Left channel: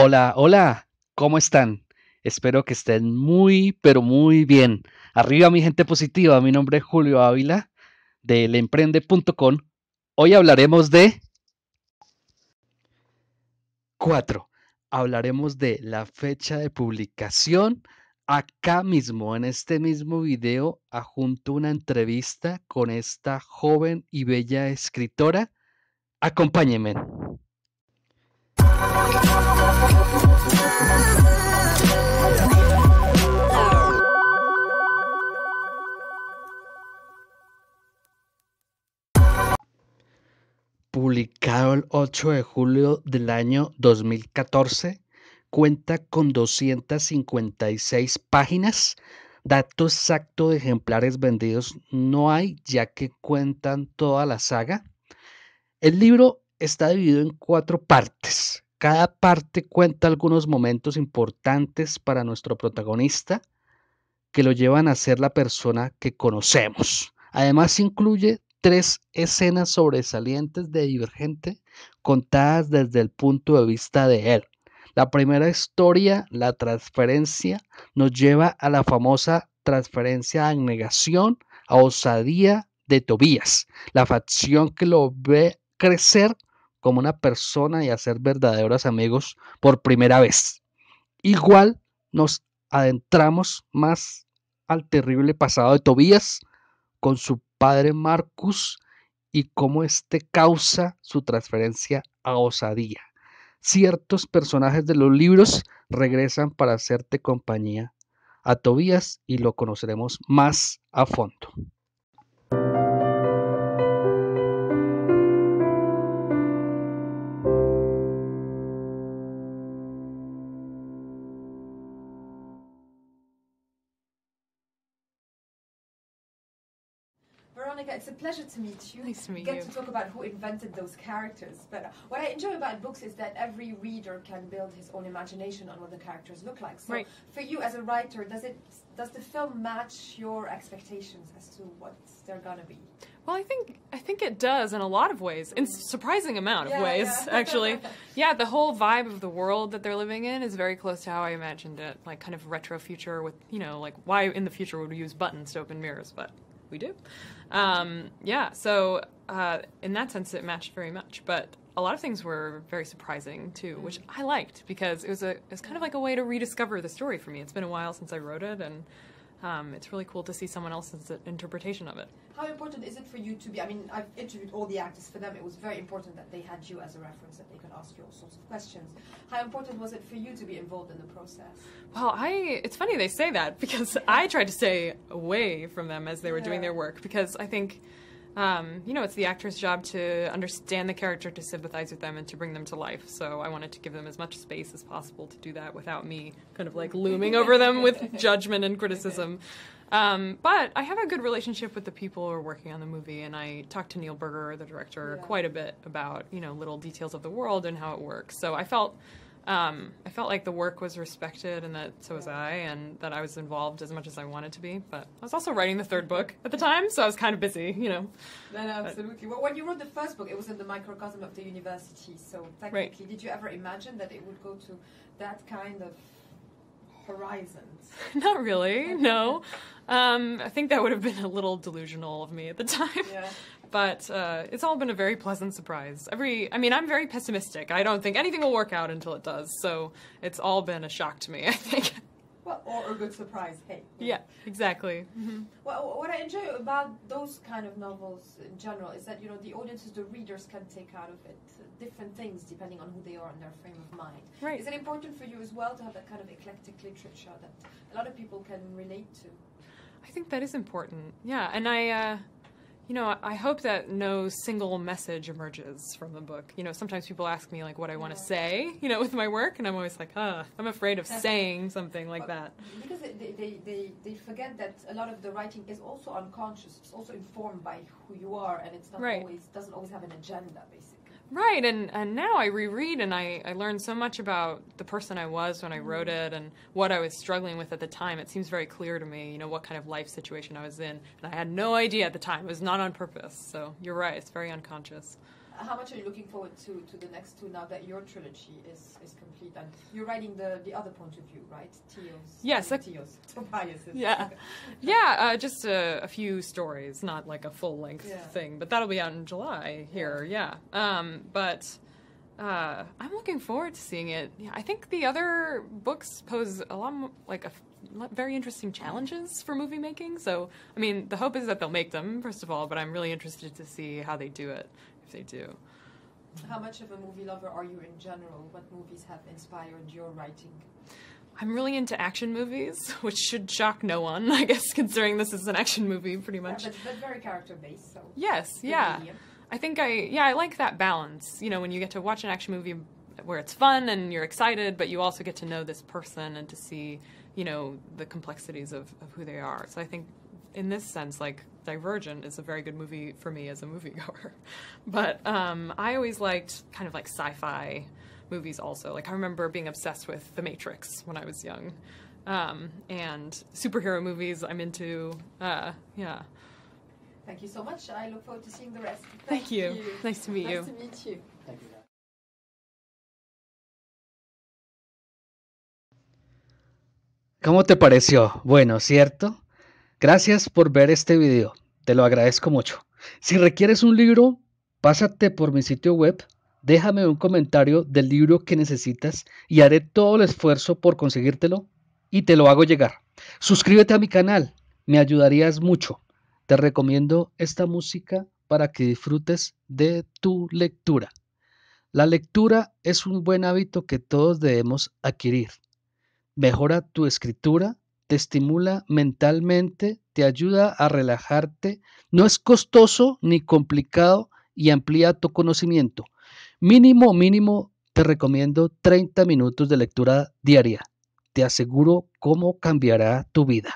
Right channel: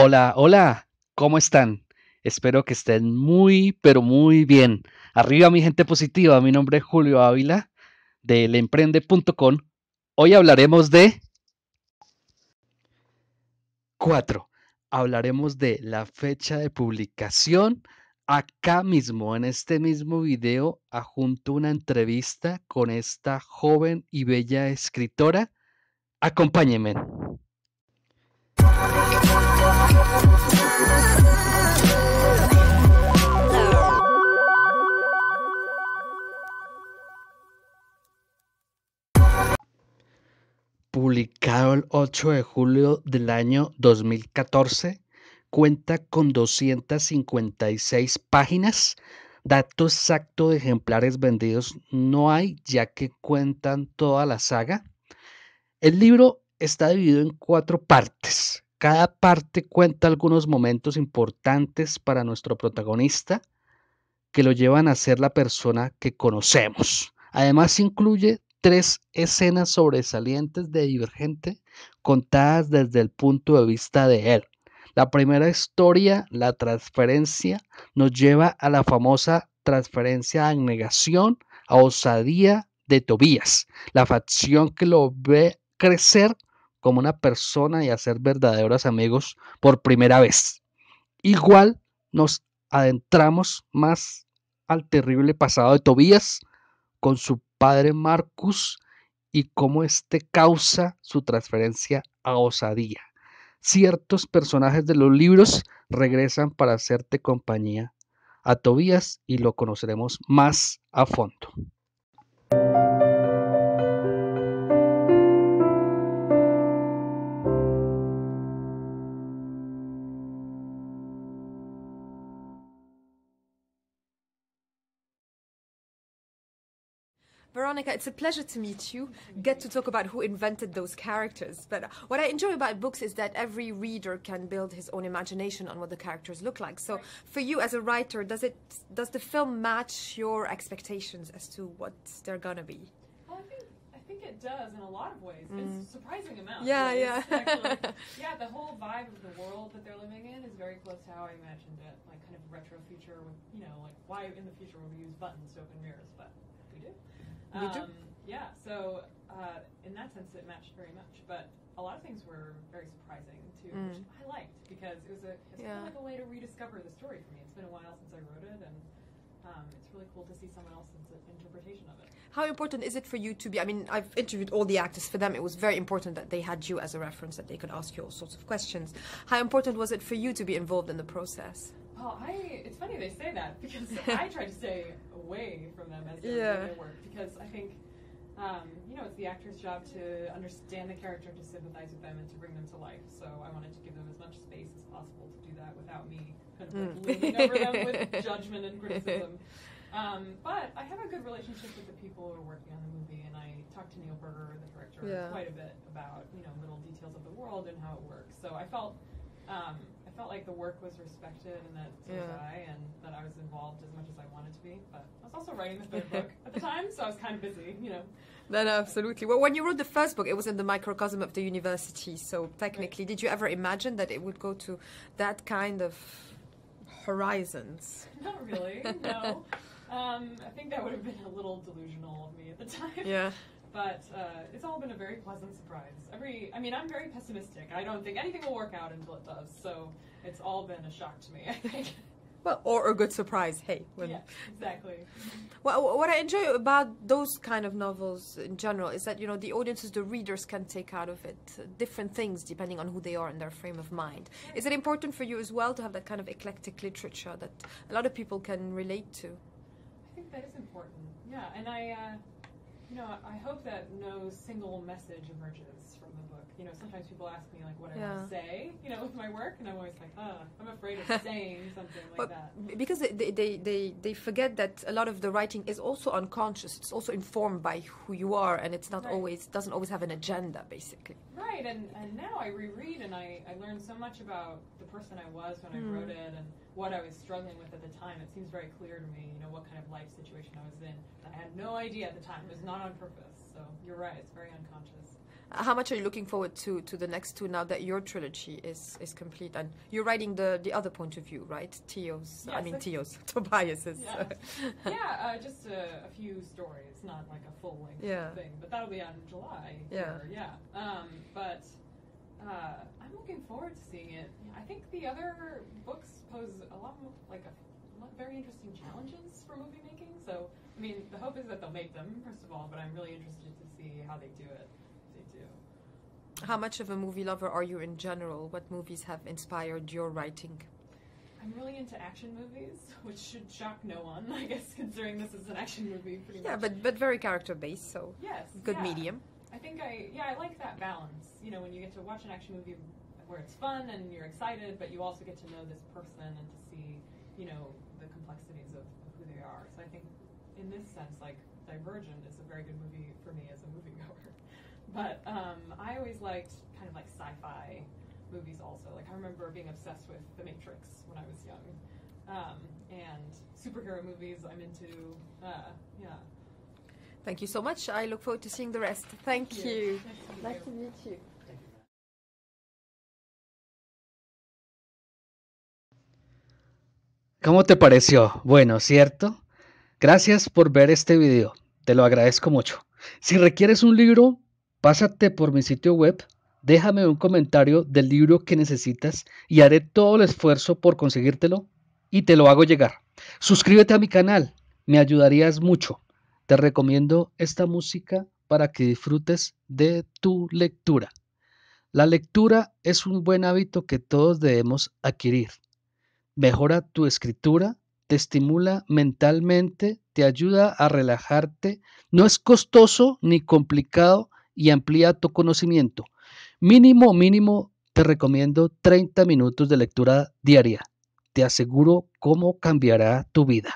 Hola, hola, ¿cómo están? Espero que estén muy, pero muy bien. Arriba mi gente positiva, mi nombre es Julio Ávila de lemprende.com. Hoy hablaremos de Cuatro. Hablaremos de la fecha de publicación. Acá mismo, en este mismo video, adjunto una entrevista con esta joven y bella escritora. Acompáñenme. Publicado el 8 de julio del año 2014, cuenta con 256 páginas. Dato exacto de ejemplares vendidos no hay, ya que cuentan toda la saga. El libro está dividido en 4 partes. Cada parte cuenta algunos momentos importantes para nuestro protagonista que lo llevan a ser la persona que conocemos. Además, incluye 3 escenas sobresalientes de Divergente contadas desde el punto de vista de él. La primera historia, la transferencia, nos lleva a la famosa transferencia de abnegación a osadía de Tobías, la facción que lo ve crecer como una persona y hacer verdaderos amigos por primera vez. Igual nos adentramos más al terrible pasado de Tobías con su padre Marcus y cómo este causa su transferencia a osadía. Ciertos personajes de los libros regresan para hacerte compañía a Tobías y lo conoceremos más a fondo. Veronica, it's a pleasure to meet you. Nice to meet Get you. to talk about who invented those characters. But what I enjoy about books is that every reader can build his own imagination on what the characters look like. So, Right. for you as a writer, does the film match your expectations as to what they're gonna be? Well, I think it does in a lot of ways, in surprising amount Yeah, of ways, yeah. actually. Yeah, the whole vibe of the world that they're living in is very close to how I imagined it, like kind of retro future with, like why in the future would we use buttons to open mirrors, but we do. Yeah, so in that sense it matched very much, but a lot of things were very surprising too, which I liked because it was kind of like a way to rediscover the story for me. It's been a while since I wrote it, and it's really cool to see someone else's interpretation of it. How important is it for you to be, I mean, I've interviewed all the actors. For them, it was very important that they had you as a reference, that they could ask you all sorts of questions. How important was it for you to be involved in the process? Well, it's funny they say that because I tried to stay away from them as they were doing their work because I think, it's the actor's job to understand the character, to sympathize with them, and to bring them to life. So I wanted to give them as much space as possible to do that without me kind of like looming over them with judgment and criticism. But I have a good relationship with the people who are working on the movie, and I talked to Neil Berger, the director, quite a bit about, little details of the world and how it works. So I felt like the work was respected, and that so was I, and that I was involved as much as I wanted to be. But I was also writing the third book at the time, so I was kind of busy, That absolutely. Well, when you wrote the first book, it was in the microcosm of the university. So technically, did you ever imagine that it would go to that kind of horizons? Not really, no. I think that would have been a little delusional of me at the time. Yeah. But it's all been a very pleasant surprise. I'm very pessimistic. I don't think anything will work out until it does. So it's all been a shock to me, I think. Well, or a good surprise, hey. Yeah, exactly. Mm-hmm. Well, what I enjoy about those kind of novels in general is that, the audiences, the readers can take out of it different things depending on who they are and their frame of mind. Right. Is it important for you as well to have that kind of eclectic literature that a lot of people can relate to? I think that is important. Yeah, and I hope that no single message emerges from the book. Sometimes people ask me, like, what I want to say, with my work, and I'm always like, I'm afraid of saying something like that. Because they forget that a lot of the writing is also unconscious. It's also informed by who you are, and it's not doesn't always have an agenda, basically. Right, and now I reread, and I learned so much about the person I was when I wrote it, and what I was struggling with at the time. It seems very clear to me, what kind of life situation I was in, and I had no idea at the time. It was not on purpose, so you're right, it's very unconscious. How much are you looking forward to the next two now that your trilogy is complete? And you're writing the other point of view, right? Tio's. Yes. Tobias's. Yeah. Yeah, just a few stories, not like a full-length thing. But that'll be out in July here, but I'm looking forward to seeing it. Yeah, I think the other books pose a lot more, very interesting challenges for movie making. So, I mean, the hope is that they'll make them, first of all, but I'm really interested to see how they do it, if they do. How much of a movie lover are you in general? What movies have inspired your writing? I'm really into action movies, which should shock no one, I guess, considering this is an action movie, pretty much. Yeah, but very character-based, so yes, good medium. I think I like that balance, you know, when you get to watch an action movie where it's fun and you're excited, but you also get to know this person and to see, you know, the complexities of who they are. So I think in this sense, like, Divergent is a very good movie for me as a moviegoer. But I always liked kind of like sci-fi movies also. Like, I remember being obsessed with The Matrix when I was young. And superhero movies I'm into, yeah. Thank you so much. I look forward to seeing the rest. Thank you. Nice to meet you. Nice to meet you. ¿Cómo te pareció? Bueno, ¿cierto? Gracias por ver este video. Te lo agradezco mucho. Si requieres un libro, pásate por mi sitio web, déjame un comentario del libro que necesitas y haré todo el esfuerzo por conseguírtelo y te lo hago llegar. Suscríbete a mi canal, me ayudarías mucho. Te recomiendo esta música para que disfrutes de tu lectura. La lectura es un buen hábito que todos debemos adquirir. Mejora tu escritura, te estimula mentalmente, te ayuda a relajarte, no es costoso ni complicado y amplía tu conocimiento. Mínimo, te recomiendo 30 minutos de lectura diaria. Te aseguro cómo cambiará tu vida.